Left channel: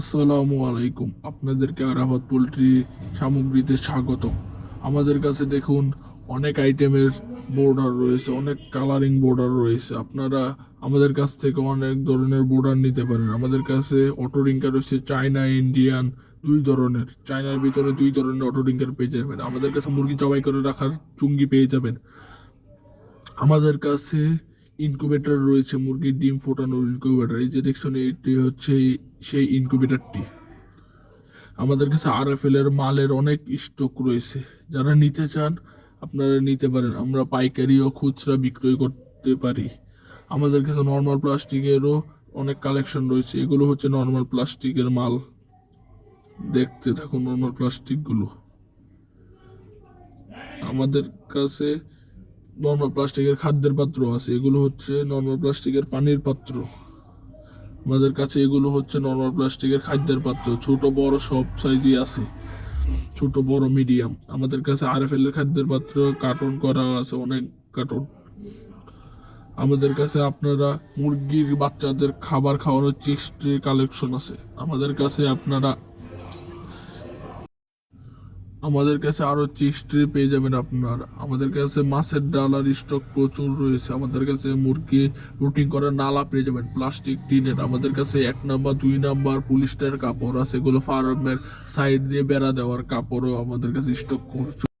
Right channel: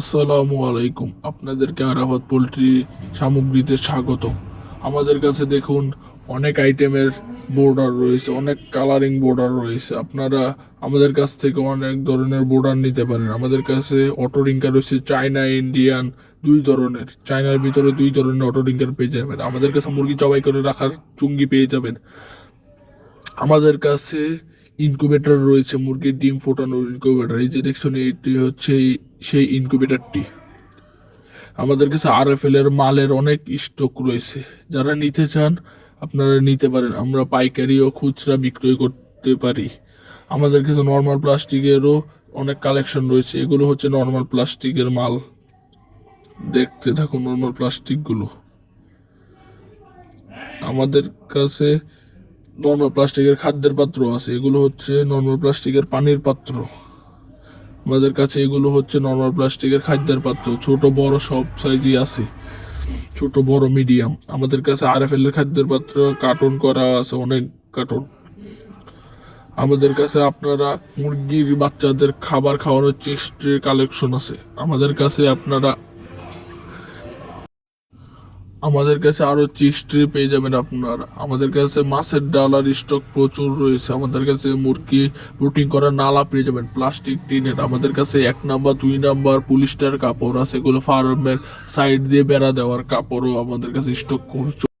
আসসালামু আলাইকুম, আপনাদেরকে আরাফাত পোল্ট্রি সামগ্রীতে স্বাগত। আমাদের কাছে দেখুন অনেক আইটেমের বোর্ডার রয়েছে, অনেক কালারিং বোর্ডার রয়েছে। আপনারা আমাদের কাছ থেকে অনেক ধরনের বোর্ডার নিতে পারেন। আমাদের কাছে অটো রিঙ্কার রয়েছে, চায়না ইন্ডিয়ান দুই ধরনের। চায়নার ভিতরে দুই ধরনের অটো রিঙ্কার পেয়ে যাবেন। আমাদের কাছে মুরগি জবাই করে রাখার চুঙ্গি পেয়ে যাবেন। আমাদের কাছে ইনকিউবেটর রয়েছে, মুরগির ডিম ফোটানোর ইনকিউবেটর। এই যে দেখছেন, এটি হচ্ছে সেই ইনকিউবেটরটি। আমাদের কাছে আরএফএল এর মালের অনেক স্টক রয়েছে। যারা নিতে চান আপনারা নিতে পারেন। আমরা পাইকারি ও খুচরা বিক্রয় করতে পারি। আমাদের কাছে নর্মাল প্লাস্টিকেরও অনেক কালেকশন রয়েছে। এগুলো হচ্ছে নর্মাল প্লাস্টিকের মাল। দেখতে থাকুন নর্মাল প্লাস্টিকগুলো। আমাদের কাছে নর্মাল প্লাস্টিকের খাদ্যের পাত্র আছে। এগুলো হচ্ছে নর্মাল প্লাস্টিকের পানির পাত্র। আমাদের কাছে এগুলো হচ্ছে নর্মাল প্লাস্টিকের খাদ্যের পাত্র, ছোট বড় সব সাইজই আছে, ছোট বড় মিডিয়াম। আমাদের কাছে আরএফএল এর খাদ্যের পাত্র কার্টন করা আছে, অনেক কার্টন। আমাদের কাছে আপনারা মুরগির বাচ্চাদের খাবার খাওয়ানোর চিস্টের কালেকশন আছে। আমাদের কাছে আরো চিস্ট্রি পেয়ে যাবেন আপনারা। আমাদের কাছে মাছের ডালার স্টক প্রচুর রয়েছে। আমাদের কাছে মুরগি প্রোটিন করা নালা পেয়ে যাবেন প্লাস্টিক টিনের। আমাদের কাছে 1 নাম্বার 2 নাম্বার পলিস্টার কাপড় আছে, এগুলো ফার্মের সাইড দিয়ে বেড়া দেওয়ার কাপড়ও আমাদের কাছে স্টক করছে।